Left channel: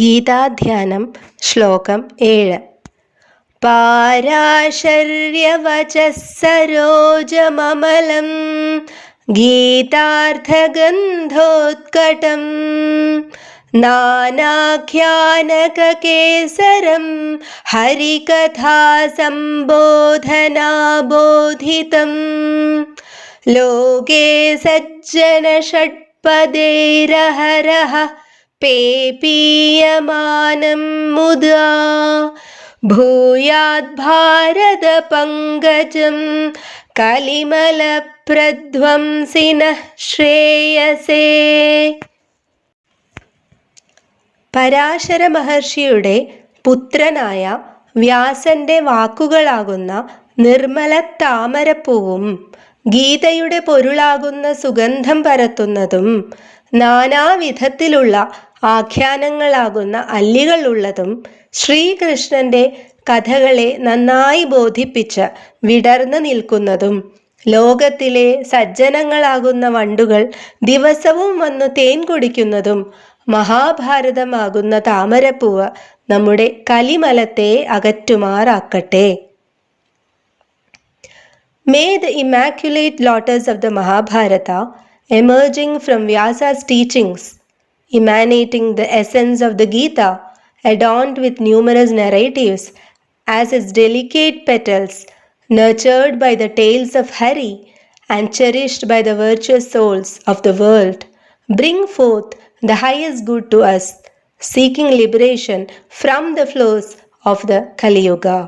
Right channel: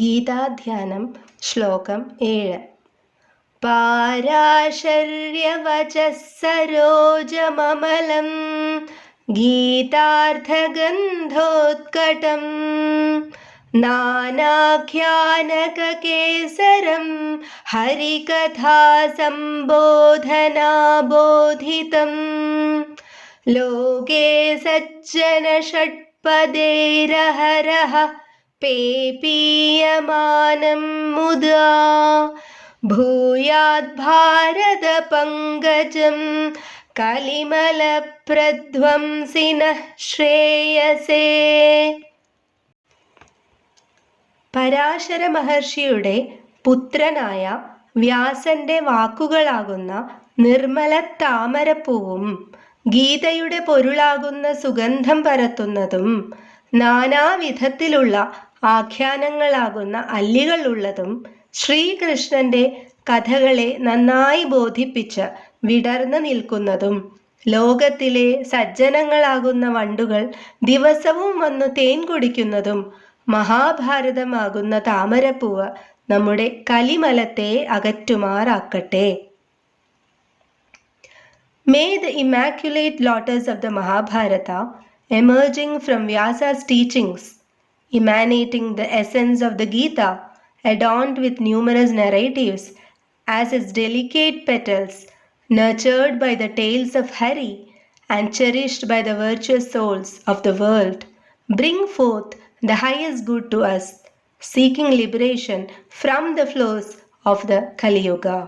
ഗീതാധ്യാനം ശ്ലോകം 7. പാരാശര്യവചഃ സരോജമമലം ഗീതാർത്ഥഗന്ധോത്കടം നാനാഖ്യാനകകേസരം ഹരികഥാസംബോധനാബോധിതം ലോകേ സജ്ജനഷട്പദൈരഹരഃ പേപീയമാനം മുദാ ഭൂയാദ് പങ്കജം കലിമലപ്രധ്വംസിനഃ ശ്രേയസേ. പരാശര മഹർഷിയുടെ പുത്രനായ വ്യാസന്റെ വാക്കുകളാകുന്ന നിർമ്മല താമരപ്പൂവും ഗീതയുടെ പൊരുളാകുന്ന സുഗന്ധം പരത്തുന്നതും നാനാവിധത്തിലുള്ള ആഖ്യാനങ്ങളാകുന്ന അല്ലികളുള്ളതും ശ്രീകൃഷ്ണന്റെ കഥകളെ നന്നായി ബോധിപ്പിച്ച് വിടർന്നു നിൽക്കുന്നതും ലോകത്തിലെ സജ്ജനങ്ങളാകുന്ന വണ്ടുകൾ ദിവസവും വന്ന് തേൻ കുടിക്കുന്നതും മഹാഭാരതമാകുന്ന താമരപ്പൂവ് നമ്മുടെ കലിമലത്തെ അകറ്റുമാറാക്കട്ടെ. May the immaculate lotus of the Mahabharata, emerging from Vyasa's teachings, emanating the essence of the Gita, adorned with numerous narratives, as its delicate petals, nurtured by the tales of Hari and cherished by the virtuous souls of the world, bring forth the highest good to us, seeking liberation from the flows of the Kali Yuga.